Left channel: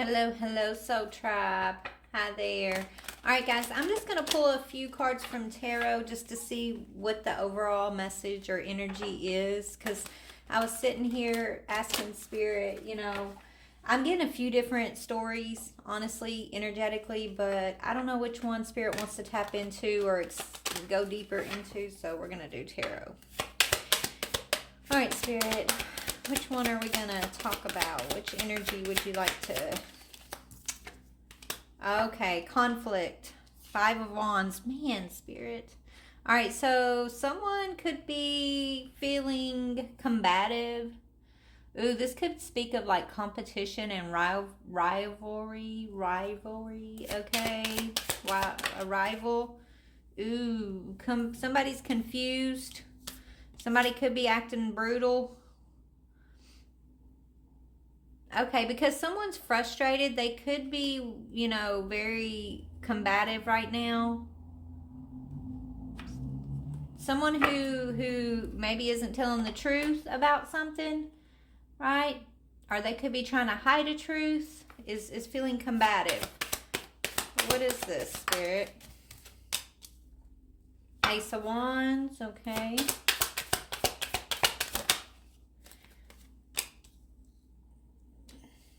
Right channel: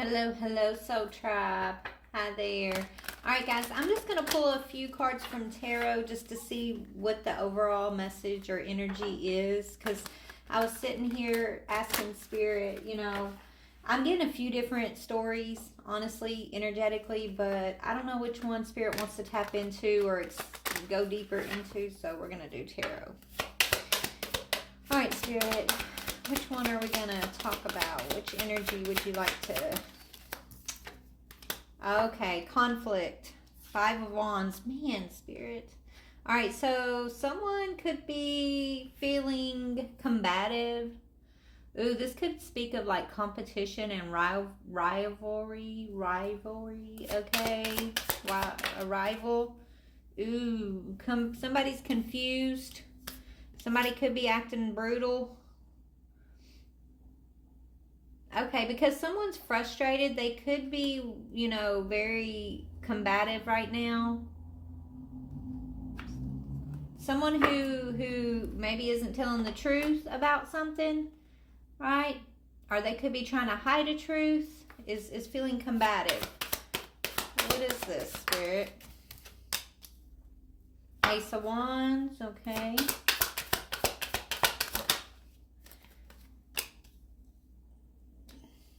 Hello, Soul Tribe. Hi there. All right, guys, I'm just going to pull a few cards from Tarot just to see what the overall message or energy is, because I was sitting here asking Spirit, I'm getting a few different stories, honestly, energetically, but I don't know which one Spirit wants to tap into or go deeper into, so we're going to do Tarot. All right, Spirit, which one are we going to talk about? Which energy would you like to... Okay, conflict. 5 of Wands. Man, Spirit. All right, so someone could be feeling combative. Ooh, this could speak of like competition and rivalry. Okay, wow, a rival. Ooh, somebody's confused. Somebody could be acting brutal. Okay, because someone's frustrated. They could be, very combative right now. Someone who maybe isn't telling the truth about something, right? Or they could be trying to hide a truth, is feeling combative. What is this, Spirit? Ace of Wands, okay.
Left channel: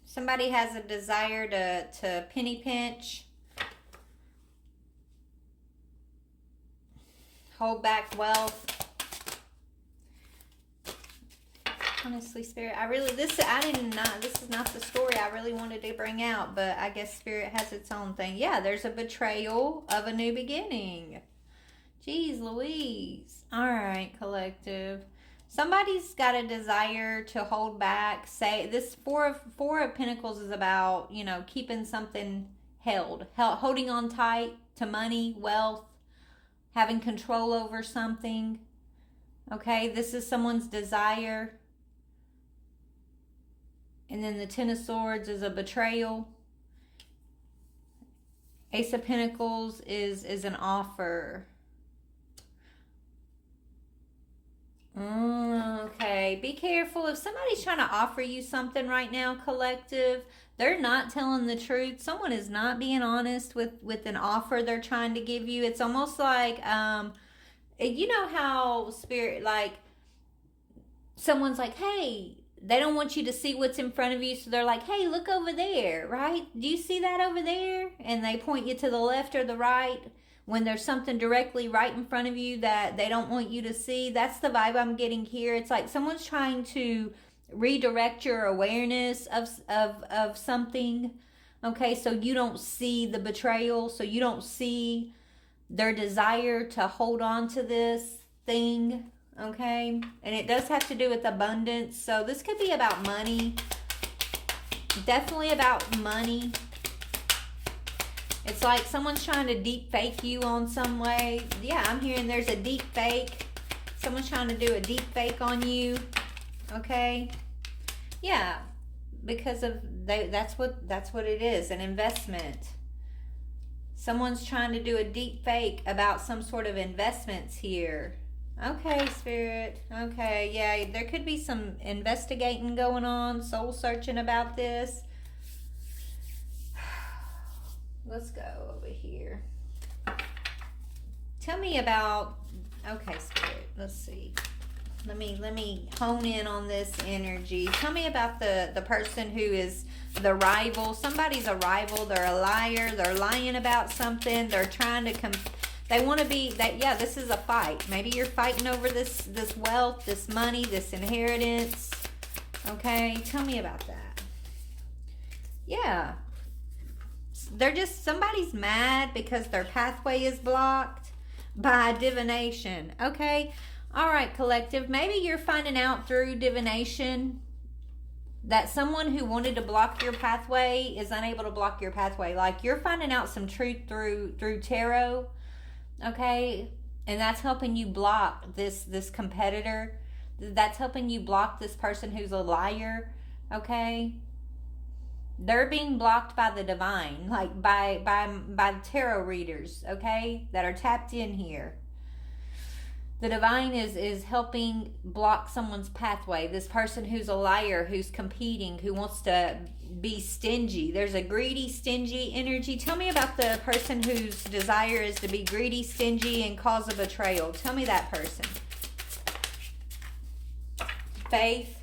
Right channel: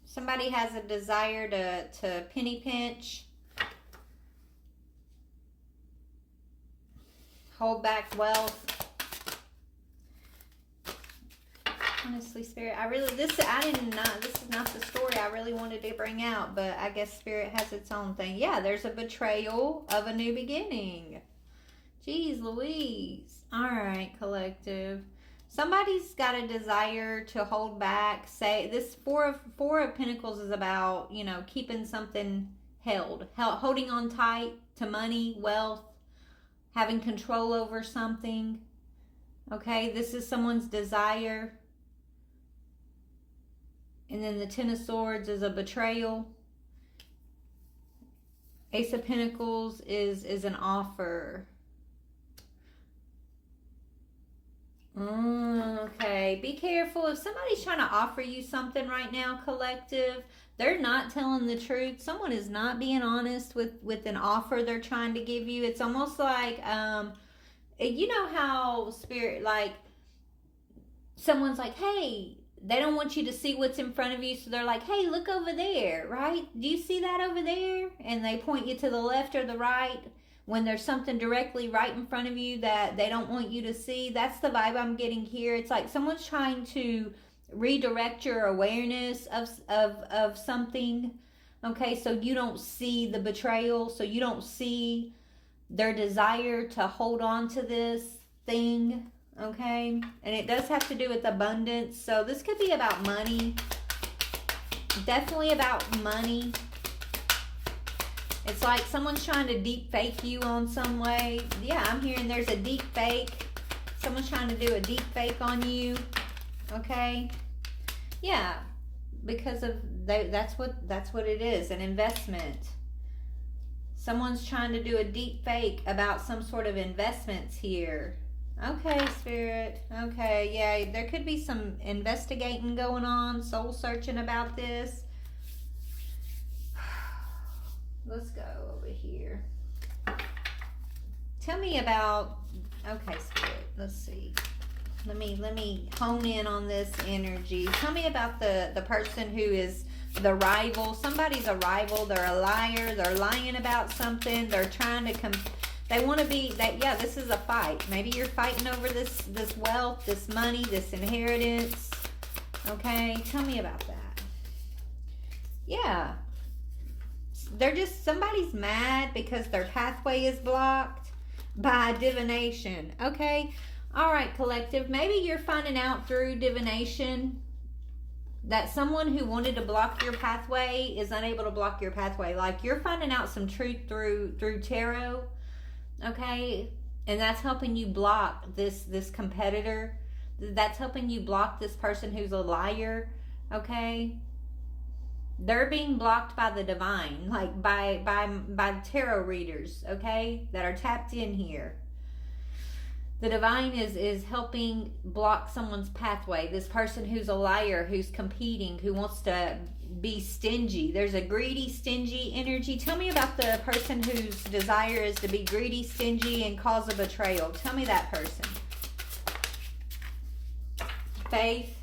Somebody has a desire to penny pinch, hold back wealth. Honestly, Spirit, this is not the story I really wanted to bring out, but I guess Spirit has its own thing. Yeah, there's a betrayal of a new beginning. Jeez Louise. All right, collective. Somebody's got a desire to hold back. Say this four of Pentacles is about, keeping something holding on tight to money, wealth, having control over something. Okay, this is someone's desire. And then the Ten of Swords is a betrayal. Ace of Pentacles is an offer. Okay, be careful. If somebody's trying to offer you something right now, collective, they're not telling the truth. Someone is not being honest with an offer they're trying to give you. It's almost like, you know how Spirit, like, someone's like, hey, they don't want you to see what's in front of you, so they're like, hey, look over there, right? Do you see that over there? And they point you to the left or the right when there's something directly right in front of you that they don't want you to see. That's the vibe I'm getting here. It's like someone's trying to redirect your awareness of something, okay? So you don't see the betrayal, so you don't see their desire to hold on to this thing, okay? And it does have to do with abundance, so this could be about money. Definitely about money. It's like someone's trying to deep fake you on some way. Yeah, I'm hearing there's a deep fake. Someone's trying to do a deep fake on you. Okay? Yeah, because of that's what it is, an investment. Someone's trying to do a deep fake about some sort of investments here. Okay, Spirit. Okay, yeah, there could be some investigating going on, soul searching about this. Let's go over here. Tell me about, okay, Spirit, let's see. Let me hone in on this energy. Tell me about the person who is the rival. Somebody's a rival. They're a liar. They're lying about something. They're trying to they want to be that. Yeah, this is a fight. Maybe you're fighting over this wealth, this money, this inheritance. Okay, tell me about that. Yeah. Somebody's mad because their pathway is blocked by divination. Okay. All right, collective. Maybe you're finding out through divination that someone who wanted to block your pathway is unable to block your pathway. Like you're finding out some truth through tarot. Okay. And that's helping you block this competitor. That's helping you block this person who's a liar. Okay. They're being blocked by the divine, like by tarot readers, okay, that are tapped in here. The divine is helping block someone's pathway. This person who's a liar, who's competing, who wants to be stingy. There's a greedy, stingy energy. Tell me about the person whose desire is to be greedy, stingy, and cause a betrayal. Tell me that person. Faith.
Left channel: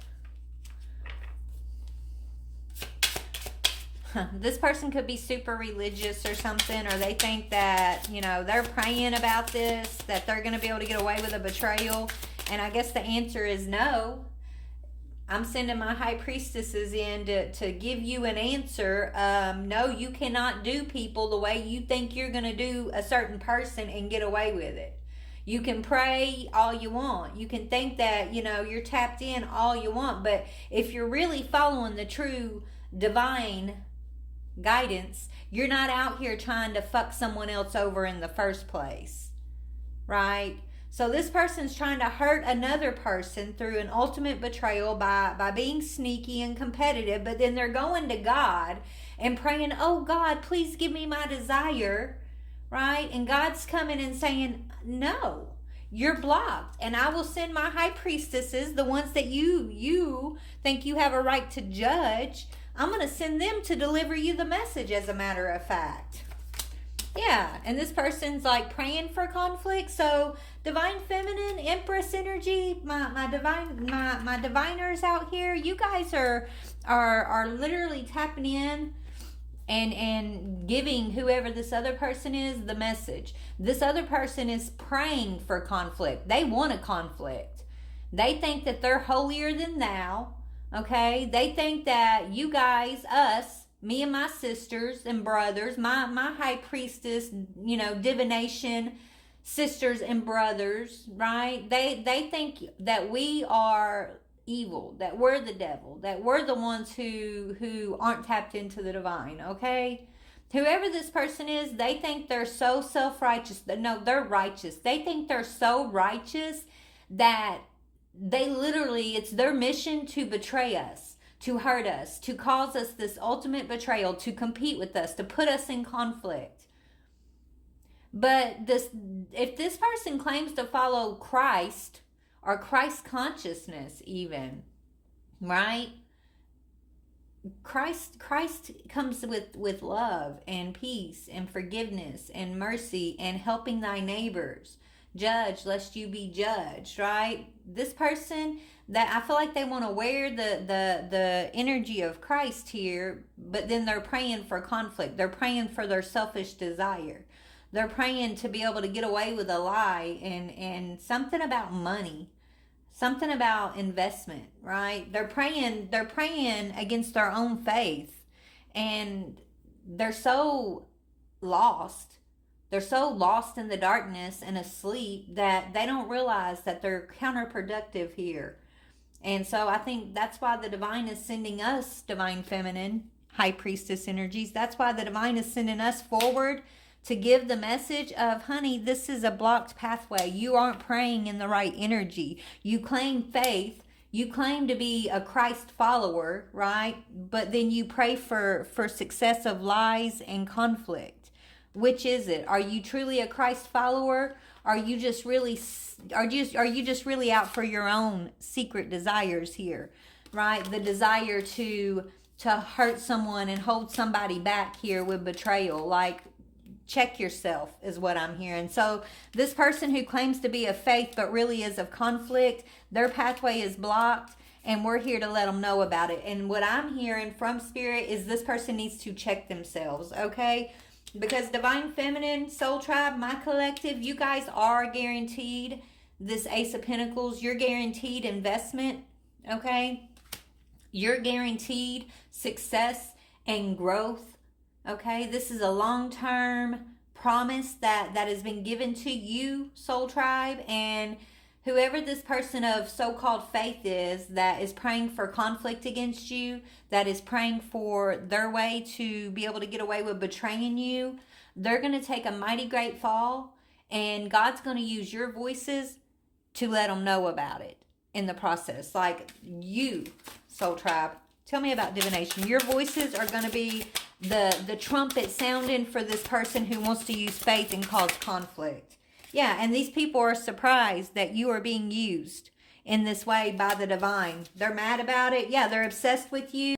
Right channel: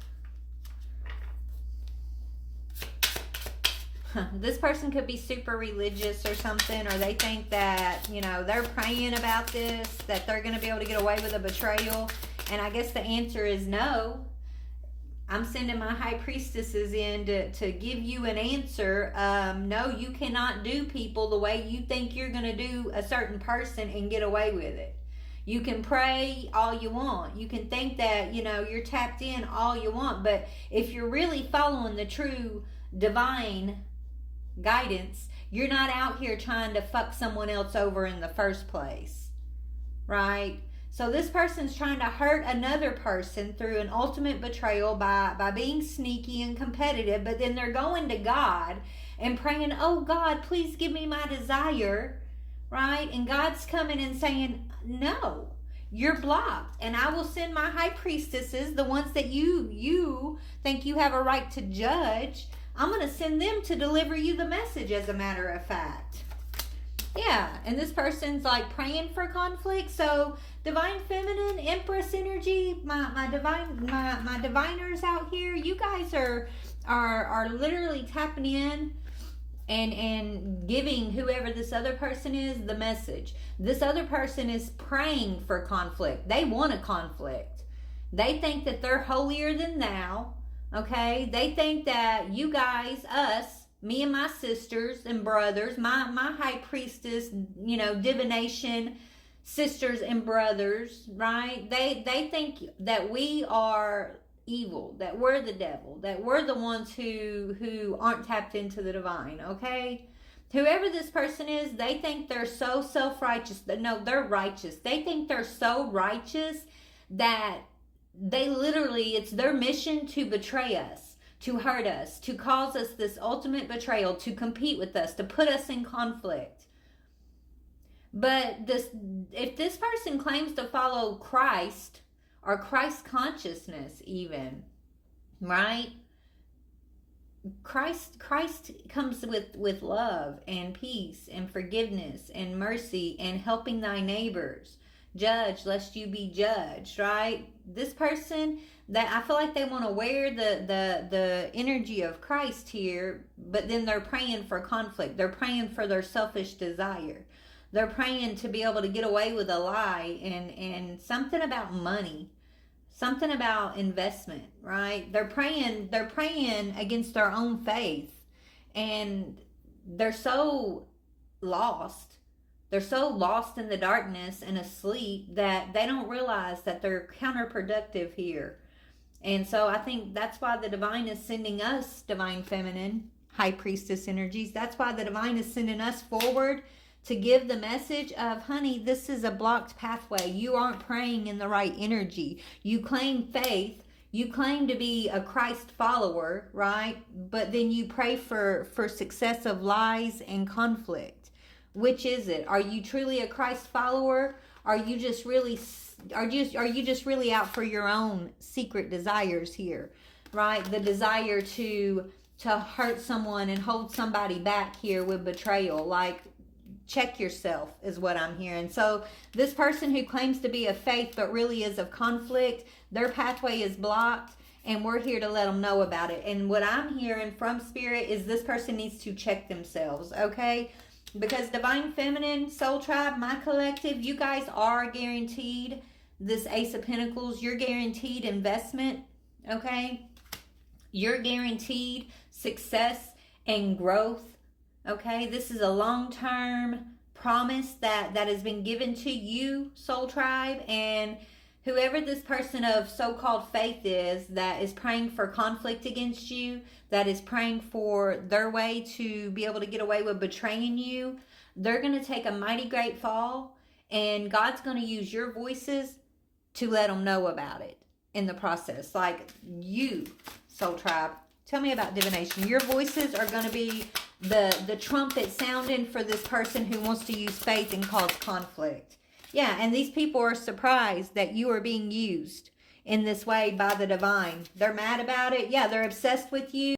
This person could be super religious or something, or they think that, you know, they're praying about this, that they're going to be able to get away with a betrayal. And I guess the answer is no. I'm sending my high priestesses in to give you an answer. No, you cannot do people the way you think you're going to do a certain person and get away with it. You can pray all you want. You can think that, you know, you're tapped in all you want. But if you're really following the true divine guidance, you're not out here trying to fuck someone else over in the first place, right? So this person's trying to hurt another person through an ultimate betrayal by being sneaky and competitive, but then they're going to God and praying, oh God, please give me my desire, right? And God's coming and saying, no, you're blocked, and I will send my high priestesses, the ones that you think you have a right to judge. I'm going to send them to deliver you the message, as a matter of fact. Yeah, and this person's like praying for conflict. So divine feminine, empress energy, my diviners out here, you guys are literally tapping in and giving whoever this other person is the message. This other person is praying for conflict. They want a conflict. They think that they're holier than thou. Okay, they think that you guys, us, me and my sisters and brothers, my high priestess, you know, divination sisters and brothers, right? They think that we are evil, that we're the devil, that we're the ones who aren't tapped into the divine. Okay, whoever this person is, they think they're so self-righteous. No, they're righteous. They think they're so righteous that they literally, it's their mission to betray us, to hurt us, to cause us this ultimate betrayal, to compete with us, to put us in conflict. But if this person claims to follow Christ, or Christ consciousness even, right? Christ comes with love and peace and forgiveness and mercy and helping thy neighbors. Judge lest you be judged, right? This person, that I feel like they want to wear the energy of Christ here, but then they're praying for conflict. They're praying for their selfish desire. They're praying to be able to get away with a lie and something about money, something about investment, right? They're praying against their own faith, and they're so lost. They're so lost in the darkness and asleep that they don't realize that they're counterproductive here. And so I think that's why the divine is sending us, divine feminine, high priestess energies. That's why the divine is sending us forward to give the message of, honey, this is a blocked pathway. You aren't praying in the right energy. You claim faith. You claim to be a Christ follower, right? But then you pray for success of lies and conflict. Which is it? Are you truly a Christ follower? Are you just really out for your own secret desires here, right? The desire to hurt someone and hold somebody back here with betrayal. Like, check yourself is what I'm hearing. So this person who claims to be of faith but really is of conflict, their pathway is blocked, and we're here to let them know about it. And what I'm hearing from Spirit is this person needs to check themselves, okay? Because Divine Feminine, Soul Tribe, my collective, you guys are guaranteed this Ace of Pentacles. You're guaranteed investment, okay? You're guaranteed success and growth, okay? This is a long-term promise that has been given to you, Soul Tribe, and whoever this person of so-called faith is that is praying for conflict against you, that is praying for their way to be able to get away with betraying you, they're going to take a mighty great fall, and God's going to use your voices to let them know about it in the process. Like you, Soul Tribe, tell me about divination. Your voices are going to be the trumpet sounding for this person who wants to use faith and cause conflict. Yeah, and these people are surprised that you are being used in this way by the divine. They're mad about it. Yeah, they're obsessed with you.